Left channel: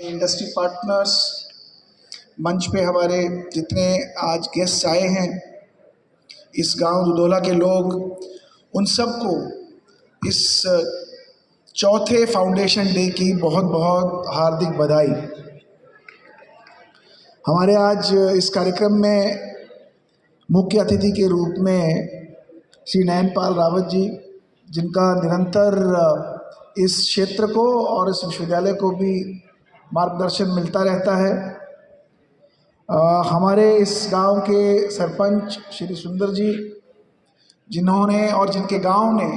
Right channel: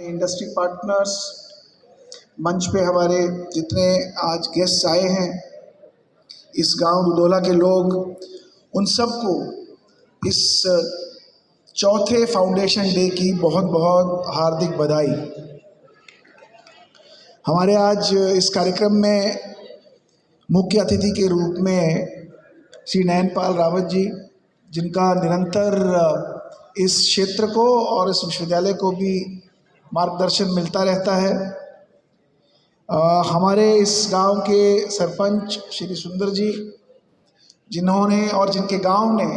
Industry partners, मंच पे हमारे जितने आज गेस्ट आए हैं, इस गांव दुधौला के लोग, उन सबको इस चौथे फाउंडेशन डे की बहुत बहुत हार्दिक बधाई। हमारे आज इस कार्यक्रम में मुख्य अतिथि के रूप में श्री नयनपाल रावत जी, जिनका निरंतर इस क्षेत्र को और इस विश्वविद्यालय को भी मार्गदर्शन मिलता रहता है। हमारे इस गांव के सरपंच श्री सुंदर जी, जिन्होंने और जिनके गांव ने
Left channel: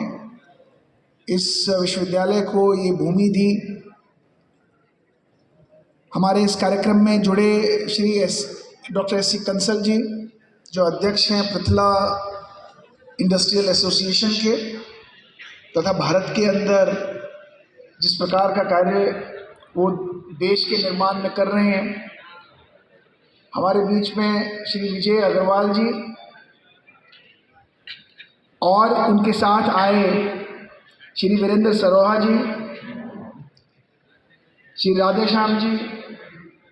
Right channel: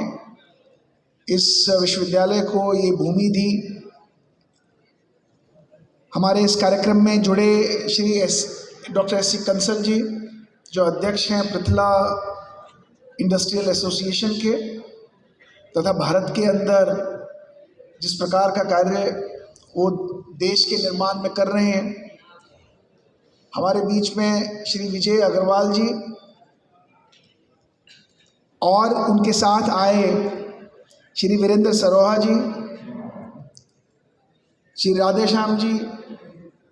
इस विश्वविद्यालय को ये भूमि दी। हमारे इस कार्यक्रम में जुड़े Shri doctor S C Kansal ji, जो अध्यक्ष हैं पृथला इंडस्ट्रियल एसोसिएशन के, तथा भारत के अंदर जिस प्रकार का कार्य वो देश के निर्माण में कर रहे हैं। हमारे बीच में श्री विजय अग्रवाल जी और उनके साथ आए श्री वीरेंद्र सरोहा जी, श्री राधेश्याम जी,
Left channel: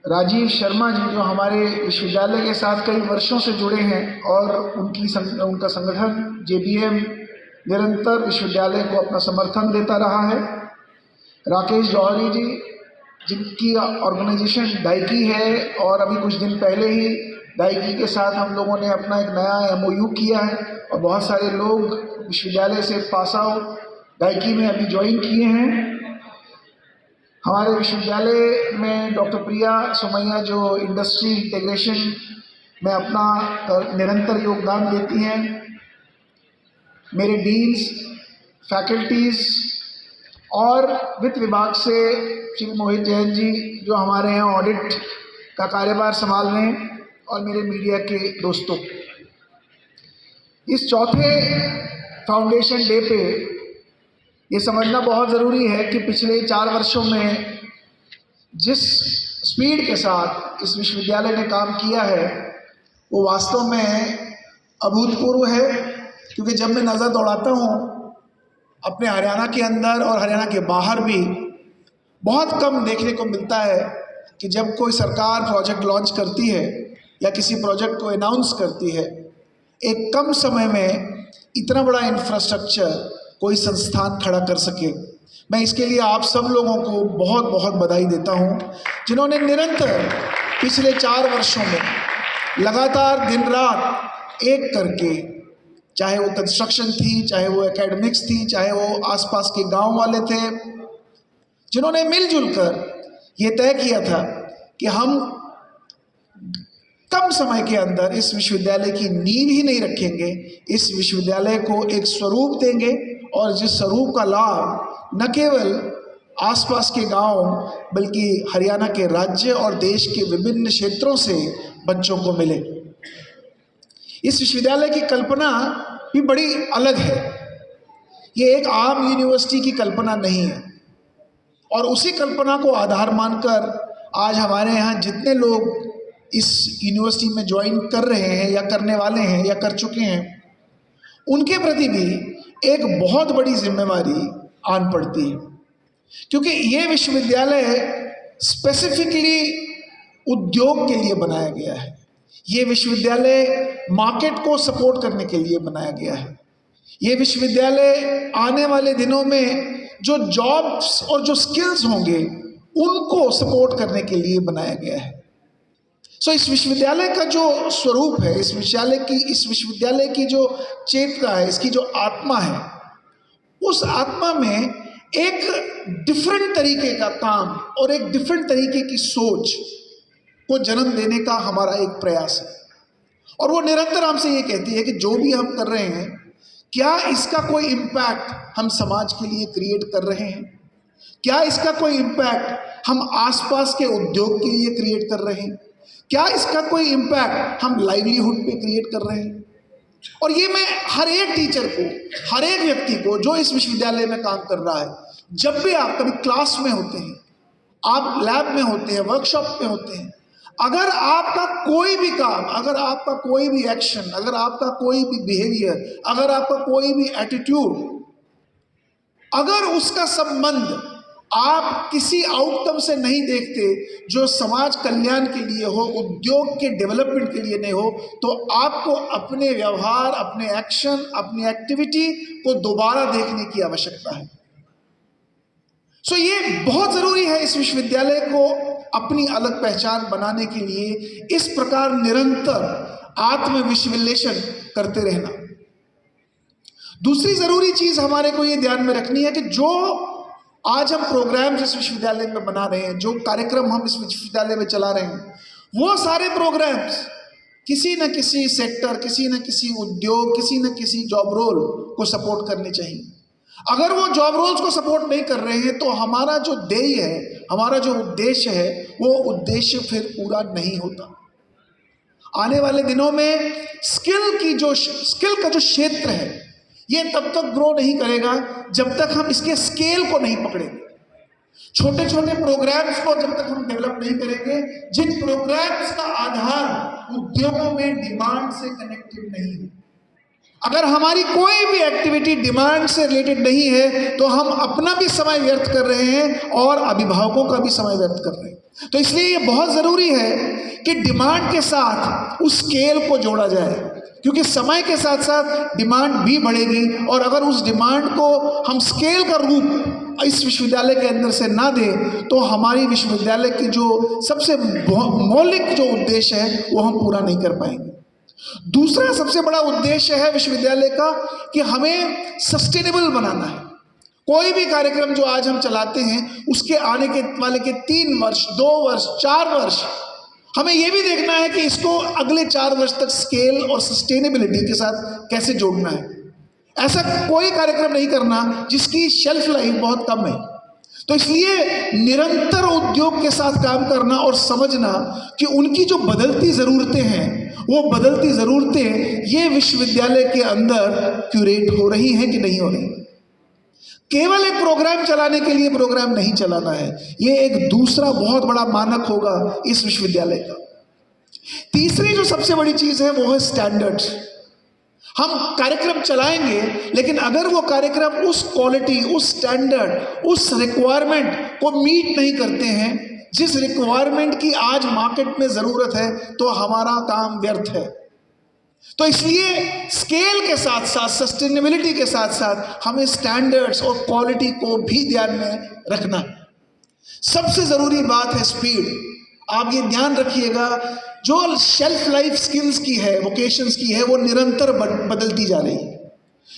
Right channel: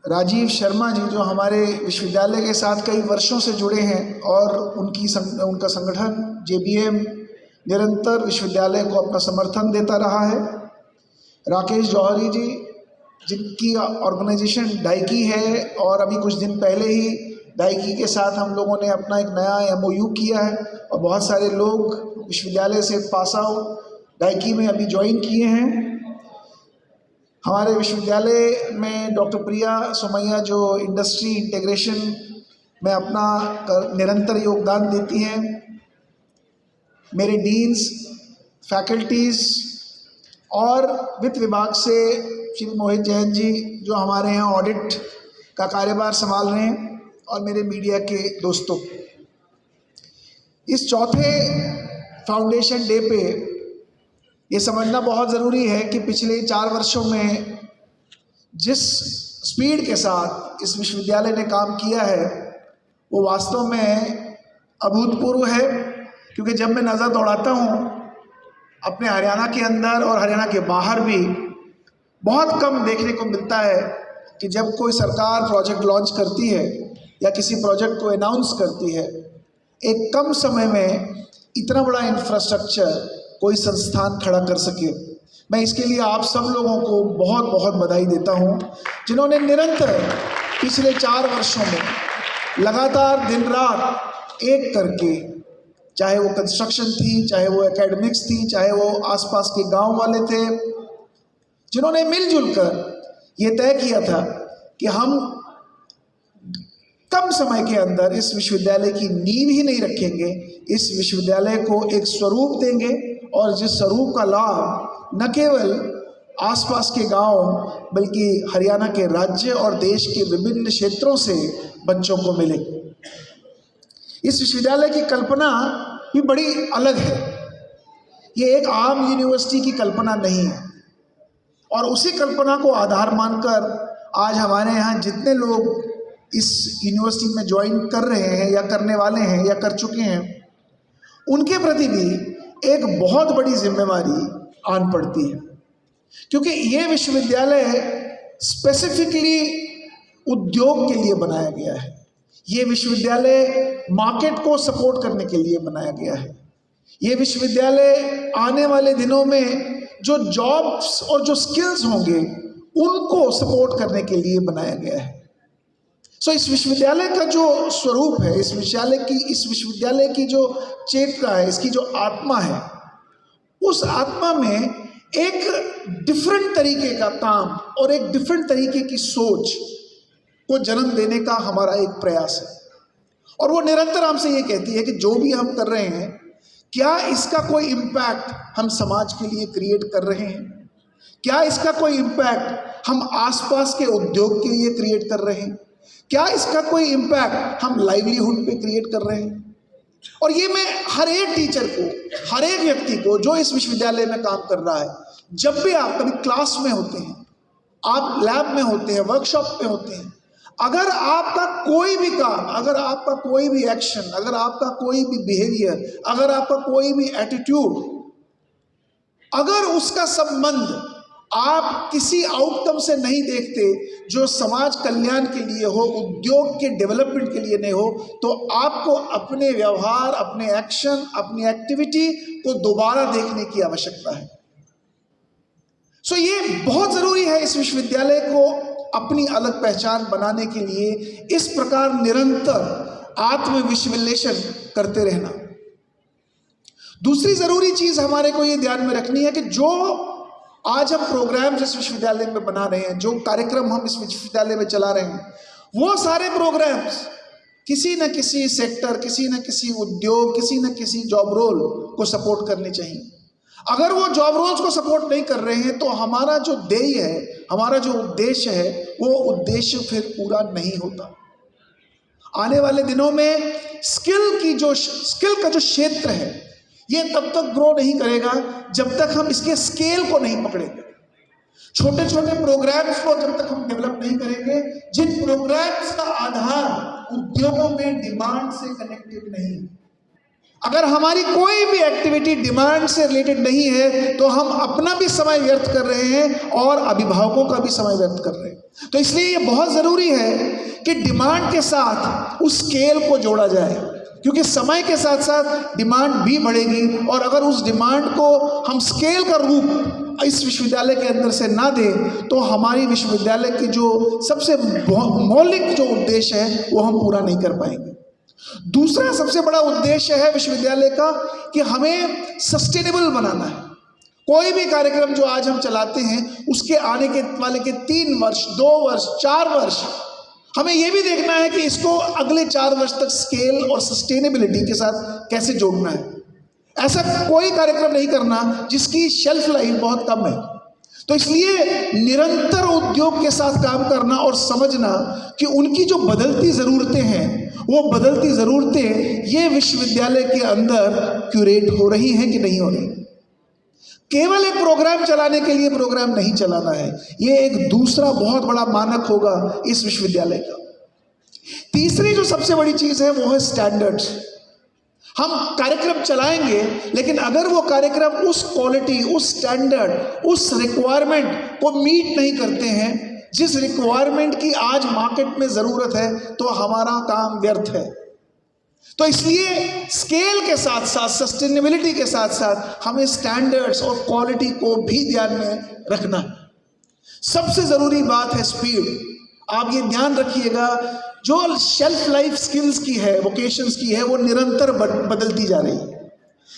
राजीव शर्मा जी, जो हमारे विश्वविद्यालय के साथ कई वर्षों से जुड़े हैं और उनका संगठन JBM निरंतर विश्वविद्यालय को अपना समर्थन देता रहा है। राकेश जौहरी जी, जिनकी ऑर्गेनाइजेशन डाइकी है और अभी कुछ दिन पहले ही डाइकी के साथ हम लोगों ने अपना एक नया MOU किया है और बहुत सारे लोग विश्वविद्यालय से पास आउट डाइकी में अभी ज्वाइन किए हैं। हमारे विश्वविद्यालय में डॉक्टर प्रिया सोमैया, जो इंडस्ट्री इंटीग्रेशन में अपना निरंतर योगदान देती हैं। मेरे डीन्स, फैकल्टीज़ और वित्त विभाग से श्री मोहित जैन जी, जो हमारे यहाँ ऑडिट का कार्यभार संभाल रहे हैं, और मेरे मीडिया के दोस्तों, इस चौथे फाउंडेशन डे पे ये समझना बहुत ज़रूरी है कि पिछले 4 वर्षों में जिस स्पीड के साथ इस विश्वविद्यालय ने काम किया है वो वास्तव में अभूतपूर्व है। क्योंकि जब मैं नज़र दौड़ाता हूँ अपने हरियाणा के अंदर और हरियाणा के बाहर भी, बहुत कम देखने को मिलता है कि जब कोई सरकार प्रोजेक्ट लॉन्च करती है या किसी प्रोजेक्ट को अनाउंस करती है, एक कम समय में इतना बड़ा इंफ्रास्ट्रक्चर कोई संस्थान खड़ा कर सके। मैं इसके लिए आप सब लोगों को बहुत बहुत बधाई देता हूं, जिन्होंने निरंतर पिछले 4 वर्षों में लगातार दिन रात एक करके, चाहे वो कंस्ट्रक्शन थी, चाहे वो एकेडमिक्स थी, चाहे वो आसपास के गांव वाले थे, जिन्होंने मिलजुल कर ये तय किया था कि हम कम समय के अंदर इस विश्वविद्यालय की नींव ही नहीं रखेंगे, इस विश्वविद्यालय को एक स्वरूप देंगे और जिस स्वरूप का लाभ न केवल आसपास के गांव बल्कि हरियाणा के राज्य और देश के विभिन्न क्षेत्रों से बच्चों को मिले। इस विश्वविद्यालय की कल्पना भी बड़ी अलग है। ये एक आम यूनिवर्सिटी की कल्पना नहीं है और उसी कल्पना को आधार मानकर आज हमारे यहाँ जितने लोग इस यूनिवर्सिटी में ज्वाइन कर रहे हैं या करने वाले हैं या कर चुके हैं, उनके प्रति भी एक बहुत बड़ी जिम्मेवारी आन पड़ती है। क्योंकि ये विश्वविद्यालय स्पेसिफिकली उद्योग के लिए बनाया गया है। ये विश्वविद्यालय मार्केट को सपोर्ट करने के लिए बनाया गया है। ये विश्वविद्यालय आने वाले दिनों में जो जॉब्स और जो स्किल्स होंगे उनको सपोर्ट करने के लिए बनाया गया है। इस विश्वविद्यालय का जो स्वरूप है, इस विश्वविद्यालय की जो चेतना है, इसकी जो आत्मा है, उस आत्मा में एक डिफरेंट तरीके का काम और एक डिफरेंट तरीके की सोच को जन्म देने का हमारा एक प्रयास है। और वो निरंतर हमसे ये कहती है कि जो भी हम कर रहे हैं, क्या इसका कोई इम्पैक्ट हम समाज के लिए क्रिएट कर रहे हैं? क्या इसका कोई इम्पैक्ट हम आसपास के उद्योग के लिए क्रिएट कर रहे हैं? क्या इसका कोई इम्पैक्ट हम लाइवलीहुड पे क्रिएट कर रहे हैं? और ये मैं हर एक टीचर को, हर एक व्यक्ति को जो इस विश्वविद्यालय में काम कर रहा है, जब भी आप कभी क्लास में होते हैं, आप लैब में होते हैं, वर्कशॉप में होते हैं, अगर आपका कोई भी काम, अगर आपका कोई भी एक्शन, अगर आपका कोई भी बिहेवियर, अगर आपका कोई भी एटीट्यूड, अगर उसका संबंध आप किसी आउटकम से नहीं देखते जो समाज कल्याण के लिए हो, उद्योग के डेवलपमेंट के लिए नहीं हो, तो आपको अपने व्यवहार, अपने एक्शन, अपनी एक्टिविटी को दोबारा देखने की आवश्यकता है। सो ये बहुत जरूरी है इस विश्वविद्यालय को अपनी अलग पहचान बनाने के लिए इस प्रकार निरंतर आत्मविश्लेषण करते रहना। दूसरी जरूरी चीज हमारे को ये ध्यान में रखनी है कि जो आज हम प्रोग्राम इस विश्वविद्यालय में बना रहे हैं, जो कार्यक्रम हम इस विश्वविद्यालय में चला रहे हैं, वो सारे प्रोग्राम्स किसी न किसी सेक्टर, किसी न किसी उद्योग, किसी न किसी जॉब रोल को सपोर्ट करने चाहिए। अगर वो जॉब रोल्स को सपोर्ट नहीं कर रहे हैं तो हमारा जो ध्येय है, हमारा जो उद्देश्य है, वो उद्देश्य फिर पूरा नहीं होता। आने वाले दिनों में स्किल का जो क्षेत्र है, ये तब तक ग्रो नहीं करेगा जब तक हम इसके स्केल को नहीं पकड़ेंगे। छोटे छोटे प्रोग्राम्स को जब तक हम डेवलप नहीं करेंगे, जिन प्रोग्राम्स का आधार उद्योगों में डिमांड से कनेक्टेड नहीं है, अगर हमारी कोई भी एक्टिविटी डिमांड से रिलेटेड नहीं है तो हम अपना भी समय व्यर्थ कर रहे हैं और अभिभावकों का भी समय व्यर्थ कर रहे हैं। तो इसलिए ये बहुत जरूरी है कि डिमांड के साथ उस स्केल को जोड़ा जाए, क्योंकि समय के साथ साथ डिमांड भी बढ़ेगी और अगर उस डिमांड को हम स्केल का रूप इस विश्वविद्यालय के अंदर से ना दें तो हमारी विश्वविद्यालय की जो सबसे मौलिक जो उद्देश्य है वो हम पूरा नहीं कर पाएंगे। दूसरा सबसे बड़ा उद्देश्य है विश्वविद्यालय का कि हमें सस्टेनेबल बनाना है। कोई भी कार्यक्रम जो आज हम चलाते हैं उसके आने के वाले के 3 वर्ष, 2 वर्ष, 4 वर्ष हमें यह भी देखना है कि इसको अगले 4 वर्ष तक स्केल और सस्टेनेबिलिटी के साथ कैसे जोड़ना है। ऐसा कोई कार्यक्रम नहीं करना जिसकी शेल्फ लाइफ बहुत कम है। तो इसलिए निरंतर उद्योग के साथ काम करना और समझना कि उनकी जो बदलती ज़रूरतें हैं, वो बदलती ज़रूरतें ये विश्वविद्यालय के अंदर क्यूरेट हो रही हैं कि नहीं हो रही। केवल एक प्रोग्राम चलाने के लिए प्रोग्राम नहीं चलाना है, ये एक दूसरा बहुत बड़ा मानक होगा इस विश्वविद्यालय का। तीसरी जो सबसे बड़ी चीज़ है वो है स्टैंडर्ड्स। हम कार्यक्रम चलाएंगे, लेकिन अगर वो कार्यक्रम उस क्वालिटी, उस स्टैंडर्ड, उस रिक्वायरमेंट को मीट नहीं करते हैं जिस रिक्वायरमेंट की आज मार्केट में ज़रूरत है, तो हमारा काम व्यर्थ है। तो इसलिए स्केल के साथ साथ, सस्टेनेबिलिटी के साथ साथ हमें स्टैंडर्ड्स और क्वालिटी को भी ध्यान में रखना है। सबसे ज़रूरी बात है स्पीड। आप ये ध्यान रखिएगा, जो शेल्फ लाइफ स्किल्स की है, वोकेशंस की है, वो निरंतर बदलती जा रही है।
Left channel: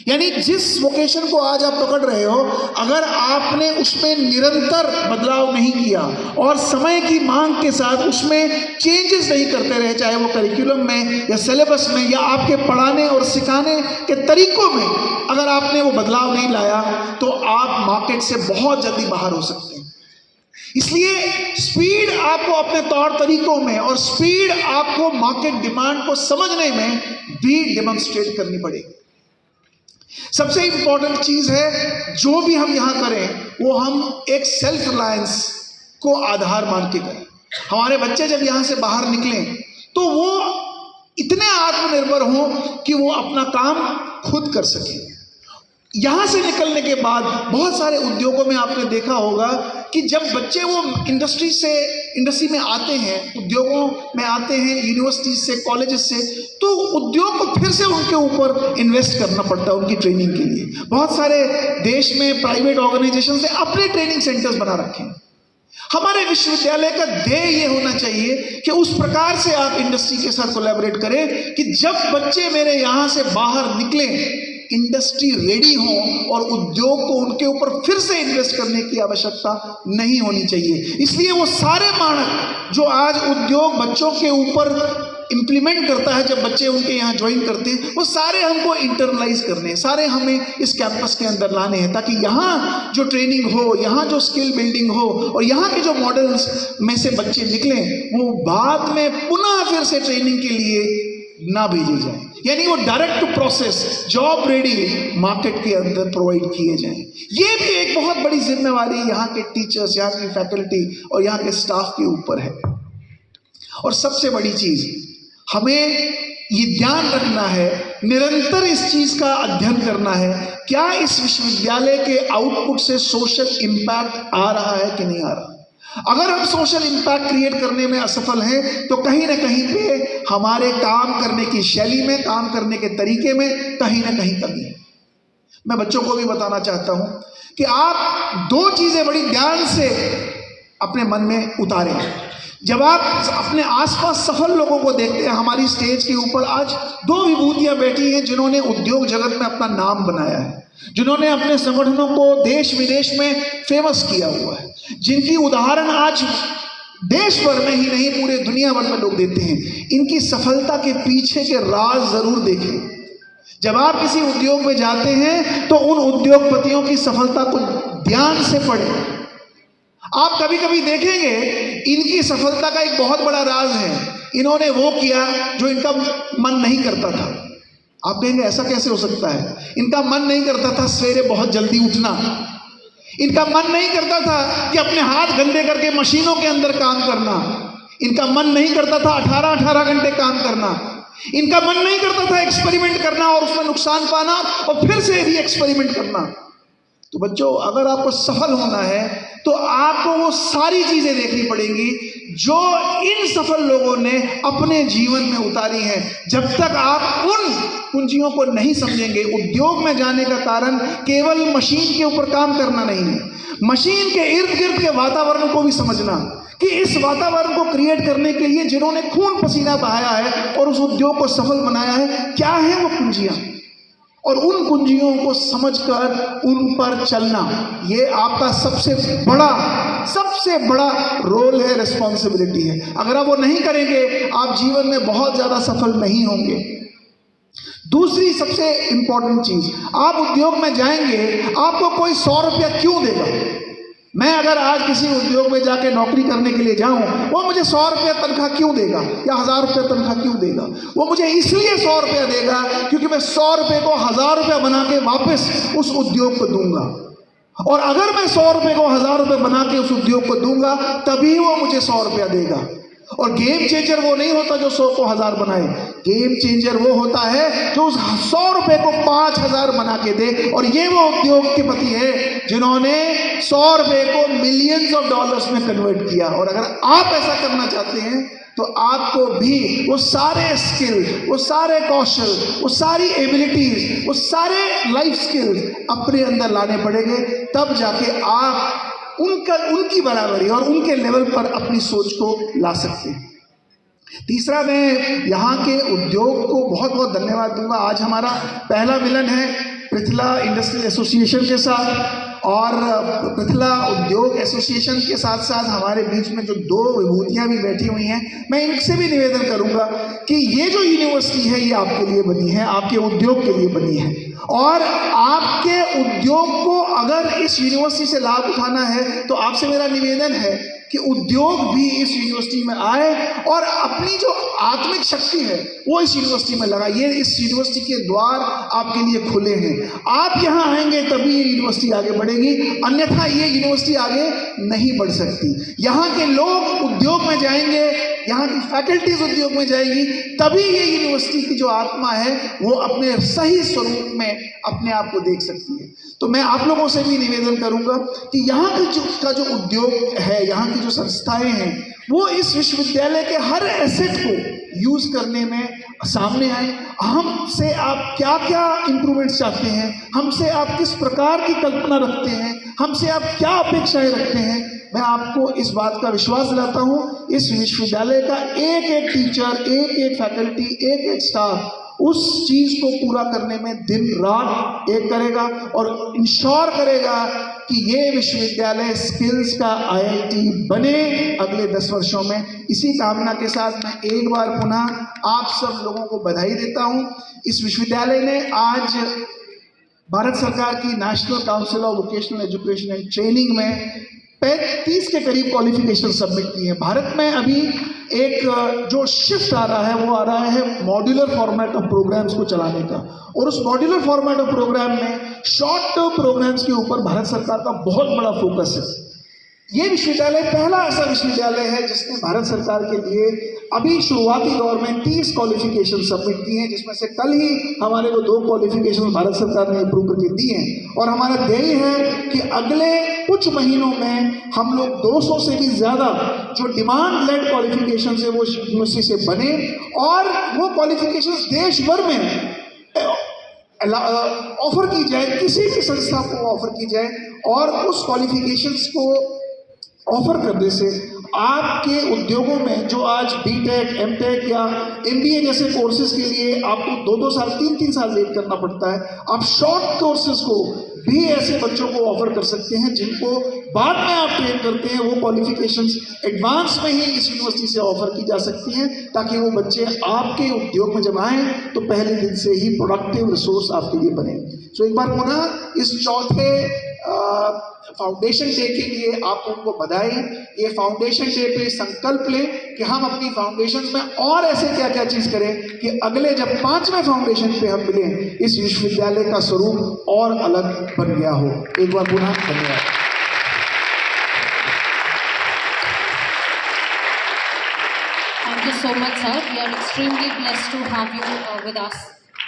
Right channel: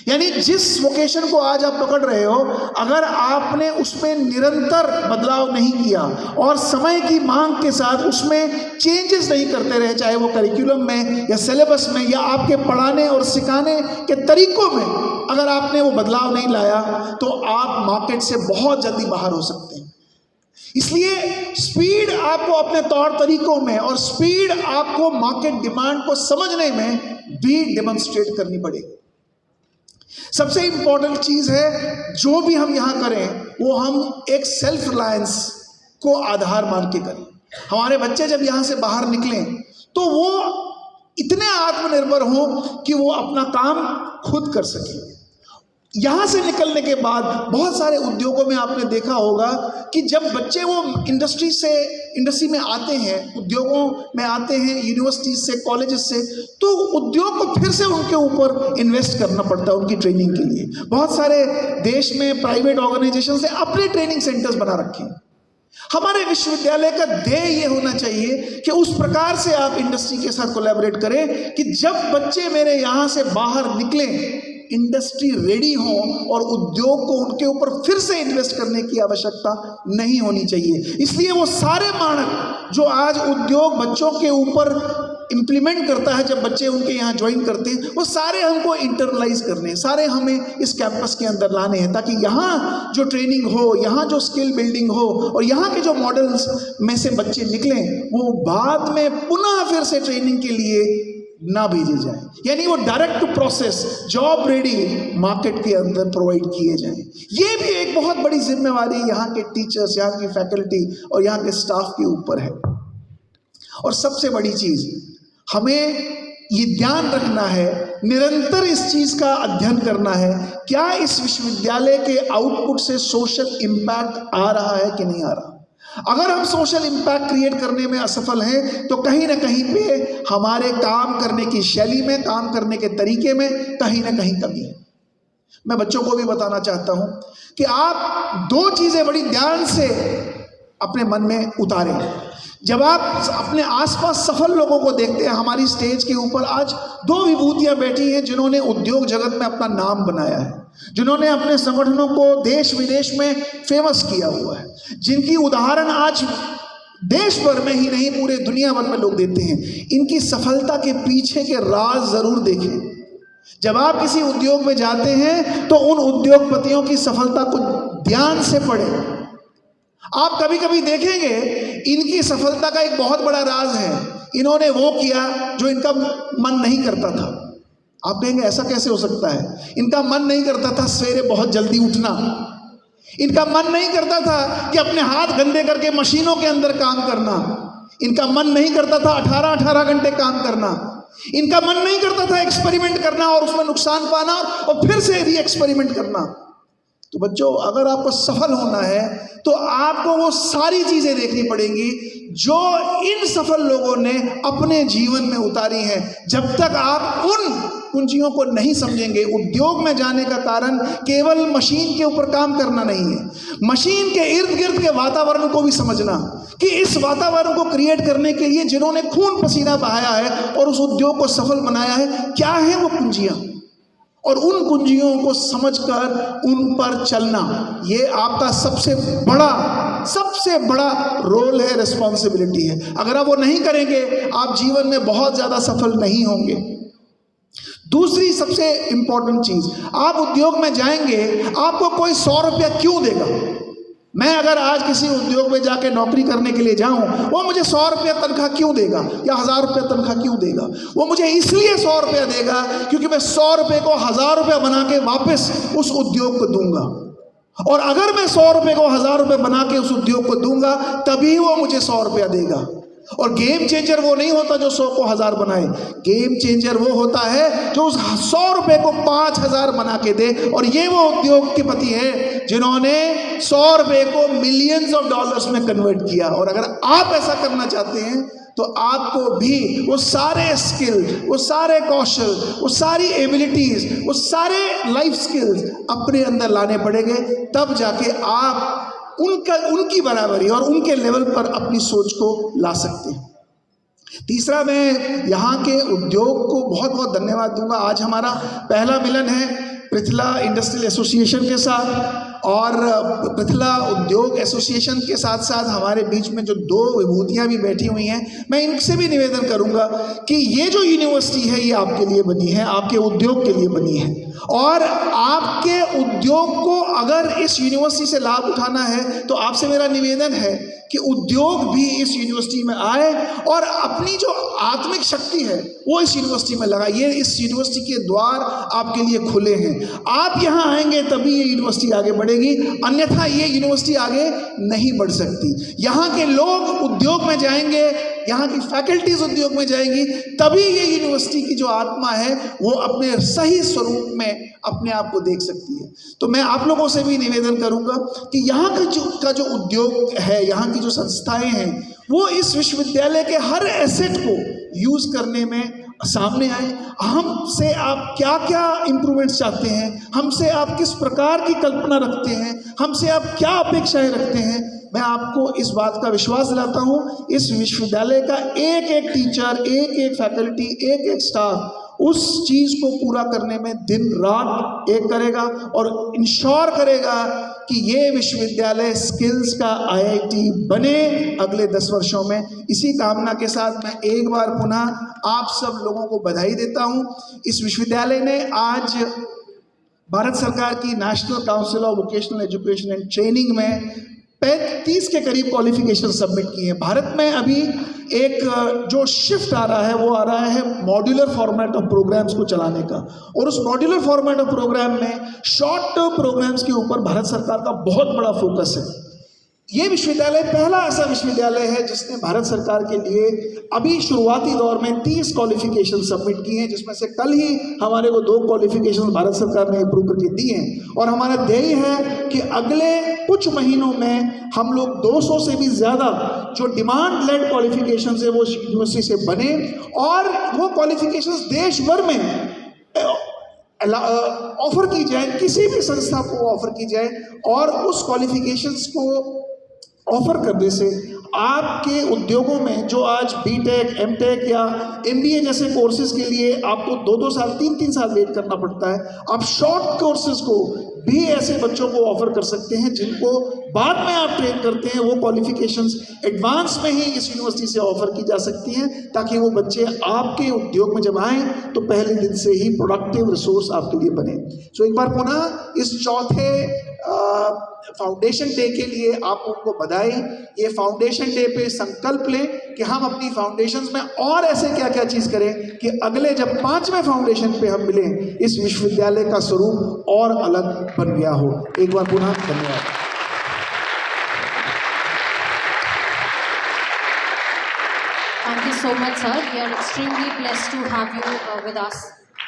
यानी जिस वोकेशन को आज आप पकड़ रहे हो, अगर आपने उसमें निरंतर बदलाव नहीं किया और समय की मांग के साथ उसमें चेंजेस नहीं करते रहे, चाहे वो करिकुलम में या सिलेबस में या आपके पढ़ाने और सिखाने के तरीकों में अगर आपने वो बदलाव नहीं लाया, तो आप मार्केट से बहुत जल्दी बाहर हो सकते हैं। इसलिए स्पीड आपको अपने तौर तरीकों में और स्पीड आपको मार्केट डिमांड को समझने में भी डेमोन्स्ट्रेट करनी पड़ेगी। सबसे इंपॉर्टेंट चीज है, जो भी हम यहाँ करें वो हम एक सेल्फ रिलायंस को आधार मान के करें। हमारे बच्चे जब यहाँ से बाहर निकलें तो वो इतने आत्मनिर्भर हों कि वो अपना काम खुद कर सकें। यहाँ से निकलने के बाद बहुत सारे उद्योगों में आपने देखा होगा कि जब बच्चे वो इंडस्ट्री में आते हैं, उद्योगों में आते हैं, यूनिवर्सिटी से, कॉलेजेस से, तो उद्योग को फिर से उनके ऊपर इन्वेस्ट करना पड़ता है उनकी ट्रेनिंग के लिए। बहुत सारे देश में प्राइवेट ऑर्गेनाइजेशन से अपने ट्रेनिंग सेंटर्स बना रखे हैं। हमारे विश्वविद्यालय का ध्येय ये होना चाहिए कि उस प्रकार से आप इंडस्ट्री के साथ कोलैबोरेट करें कि जब बच्चे मेरे यहाँ से बाहर निकलें, इंडस्ट्री रेडी हो और उद्योग को उनके ऊपर फिर से इन्वेस्ट करने की आवश्यकता नहीं होनी चाहिए। इसलिए वो सारे मानक जो आज उद्योग बच्चों के ऊपर इम्प्लीमेंट करता है, जब बच्चे उनके यहाँ ज्वाइन करते हैं, वो सारे हमको इंटरनलाइज करने हैं, सारे हमें इस कैंपस के अंदर लाने हैं, ताकि यहाँ जो ट्रेनिंग हो, यहाँ जो स्किल बिल्डिंग हो और यहाँ के जो मॉडल्स में से बच्चे निकलें, वो बाद में पुनः फिर से ट्रेनिंग के लिए ना भेजे जाए। यानी वो direct to process, job ready market के अंदर प्रोवाइड किए जाएं। ये भी एक बहुत बड़ी जिम्मेवारी यहाँ के टीचर्स, यहाँ की फैकल्टी और यहाँ के स्टाफ के ऊपर है। और सबसे बड़ी चीज, हमें ये ध्यान रखना है निरंतर इस चीज का अध्ययन करना है, क्या इस विश्वविद्यालय के आउटपुट से सोशल इम्पैक्ट आ रहा है कि नहीं आ रहा। अगर हम सोशल इम्पैक्ट क्रिएट करने में असफल हैं तो कहीं ना कहीं पे हमारे काम करने की शैली में, काम करने के तरीके में कहीं ना कहीं कमी है। मैं बच्चों को भी बताना चाहता हूं कि आप दो चीजें बड़ी ध्यान से अपने मन में उतारें। जब आप अपने आसपास सफल लोगों को देखते हैं, हमारी स्टेज के ऊपर आज दो विभूतियां बैठी हैं जिन्होंने उद्योग जगत में अपना नाम बनाया है, जिन्होंने अपने संगठनों को देश विदेश में फेमस किया हुआ है, जिनकी उदाहरण आज देश भर में ही नहीं पूरे दुनिया भर में लोग देते हैं। इनकी सफलता के पीछे के राज जरूर देखें। जब आप किसी उद्योग में जाते हैं तो उन उद्योगपतियों की सफलता को ध्यान से पढ़ें। आप कभी कभी देखेंगे इनकी सफलता का एक बहुत बड़ा राज है, इन्होंने वो किया जो इनका मन नहीं करता था। आप कहेंगे ऐसा कैसे हो सकता है। इनका मन नहीं करता था सवेरे बहुत जल्दी उठना, इनका मन नहीं करता था कि अपने हाथ गंदे करके मशीनों के अंदर काम करना, इनका मन नहीं करता था 18-18 घंटे काम करना, इनका मन नहीं करता था एक्सपेरिमेंट करना और उसमें नुकसान पाना और फिर से री एक्सपेरिमेंट करना। तो बच्चों, अगर आपको सफल होना है तो आपको वो सारी चीजें देखनी पड़ेंगी जो इन सफल लोगों ने अपने जीवन में उतारी हैं। जब तक आप उन कुंजियों को नहीं समझेंगे, उद्योग में जाने का कारण केवल मशीन के ऊपर काम करना नहीं है, मशीन के इर्द गिर्द के वातावरण को भी समझना कि इस वातावरण को क्रिएट करने के लिए जिन्होंने खून पसीना बहाया है और उस उद्योग को सफल बनाया है, क्या है वो कुंजियां, और उन कुंजियों को समझकर उन पर चलना, ये आपका सबसे बड़ा रोल है, रिस्पॉन्सिबिलिटी है। अगर आप वो नहीं करेंगे आप जीवन में बहुत ज्यादा सफल नहीं होंगे। दूसरी सबसे इंपॉर्टेंट चीज, आप उद्योग में जाएंगे, आपको कोई 100 रुपया क्यों देगा। मैं अगर आज किसी उद्योग में जाके नौकरी करने के लिए जाऊं, वो मुझे 100 रुपया तनख्वाह क्यों देगा या 1000 रुपया तनख्वाह क्यों देगा। वो मुझे इसलिए 100 रुपया देगा क्योंकि मैं 100 रुपये को 1000 रुपया बना के वापस उस उद्योग को दूंगा, और अगर मैं 100 रुपये को 1000 रुपये बना के उस उद्योग को दूंगा तभी वो मुझे 100 रुपया देगा। और गेम चेंजर वो नहीं होता जो 100 को 1000 बनाए, गेम चेंजर वो होता है जो उस 100 रुपए को 5000 बना के दे। और ये वो उद्योगपति है जिन्होंने 100 रुपए को मिलियंस ऑफ डॉलर्स में कन्वर्ट किया। और अगर आप ऐसा करना चाहते हैं तो आपको भी वो सारे स्किल, वो सारे कौशल, वो सारी एबिलिटीज, वो सारे लाइफ स्किल्स अपने अंदर लाने पड़ेंगे, तब जाके आप उनकी बराबरी और उनके लेवल पर अपनी सोच को ला सकते हैं। तीसरा, मैं यहाँ के उद्योग को बहुत बहुत धन्यवाद दूंगा। आज हमारा पहला मिलन है पृथला इंडस्ट्रियल एसोसिएशन के साथ, और पृथला उद्योग एसोसिएशन के साथ साथ हमारे बीच में जो दो विभूतियाँ भी बैठी हुई हैं, मैं इनसे भी निवेदन करूंगा कि ये जो यूनिवर्सिटी है ये आपके लिए बनी है, आपके उद्योग के लिए बनी है, और आपके उद्योग को अगर इस यूनिवर्सिटी से लाभ उठाना है तो आपसे मेरा निवेदन है कि उद्योग भी इस यूनिवर्सिटी में आए और अपनी जो आत्मिक शक्ति है वो इस यूनिवर्सिटी में लगाए। ये इस यूनिवर्सिटी के द्वार आपके लिए खुले हैं, आप यहाँ आएंगे तभी ये यूनिवर्सिटी आगे बढ़ेगी, अन्यथा ये यूनिवर्सिटी आगे नहीं बढ़ सकती। यहाँ के लोग उद्योग में जाएंगे, यहाँ की फैकल्टीज उद्योग में जाएगी, तभी ये यूनिवर्सिटी की जो आत्मा है वो अपने सही स्वरूप में अपने आप को देख सकती है। तो मैं आप लोगों से भी निवेदन करूंगा कि यहाँ का जो उद्योग है, यहाँ की जो संस्थाएं हैं, वो इस विश्वविद्यालय के हर एसेट को यूज करने में सामने आए। हमसे आप क्या क्या इंप्रूवमेंट्स चाहते हैं, हमसे आप किस प्रकार की कल्पना रखते हैं, हमसे आप क्या अपेक्षाएं रखते हैं। मैं आपको इस बात का विश्वास दिलाता हूँ, इस विश्वविद्यालय का एक एक टीचर, एक एक फैकल्टी, एक एक स्टाफ उस चीज को पूरा करने में दिन रात एक करेगा और इंश्योर करेगा कि ये विश्वविद्यालय स्किल्स का IIT बने अगले 10 वर्षों में। इसी कामना के साथ मैं एक बार पुनः आप सब लोगों को बधाई देता हूँ। इस विश्वविद्यालय ने आज भारत सरकार की national council of vocational education and training में 35 के करीब क्वालिफिकेशन सबमिट की है। भारत में अभी एक जो शिफ्ट आ रहा है वो आ रहा है मॉड्यूलर फॉर्मेट ऑफ प्रोग्राम्स को चलाने का, और उस मॉड्यूलर फॉर्मेट ऑफ प्रोग्राम में शॉर्ट टर्म प्रोग्राम्स के ऊपर भारत सरकार का बहुत बड़ा फोकस है। ये विश्वविद्यालय पहला ऐसा विश्वविद्यालय है जिसने भारत सरकार के लिए अभी शुरुआती दौर में 30 क्वालिफिकेशन सबमिट की हैं, जिसमें से कल ही हमारे को 2 क्वालिफिकेशन भारत सरकार ने अप्रूव करके दी हैं। और हमारा ध्येय है कि अगले कुछ महीनों में हम लोग 200 से भी ज़्यादा जो डिमांड लेड क्वालिफिकेशन है वो यूनिवर्सिटी से बने, और वो क्वालिफिकेशन देश भर में ऑफर की जाए, किसी भी संस्था को ऑफर की जाए, और उस क्वालिफिकेशंस को ऑफर करने से आपके उद्योगों में जो आज बीटेक, एमटेक या एमबीए जैसे कोर्सेज के लिए आपको 2-2 साल, 3-3 साल वेट करना पड़ता है, आप शॉर्ट कोर्सेज को भी ऐसे बच्चों को ऑफर कर सकते हैं जिनको बाद में आप ट्रेन करते हैं। वो क्वालिफिकेशंस एडवांस में ही इस यूनिवर्सिटी से ऑफर की जा सकती हैं, ताकि वो बच्चे आपके उद्योग में जब आएँ तो पहले दिन से ही प्रोडक्टिव रिसोर्स आपके लिए बने। सो एक बार पुनः इस चौथे फाउंडेशन डे के लिए आप उनको बधाई। ये फाउंडेशन डे पे संकल्प लें कि हम अपनी फाउंडेशन में और ऐसे क्या क्या चीज़ करें कि अगले जब 5वें फाउंडेशन पे हम मिलें, इस विश्वविद्यालय का स्वरूप और अलग बन गया हो। एक बार पुनः धन्यवाद। Thank you so much, sir. We are extremely blessed to have you with us.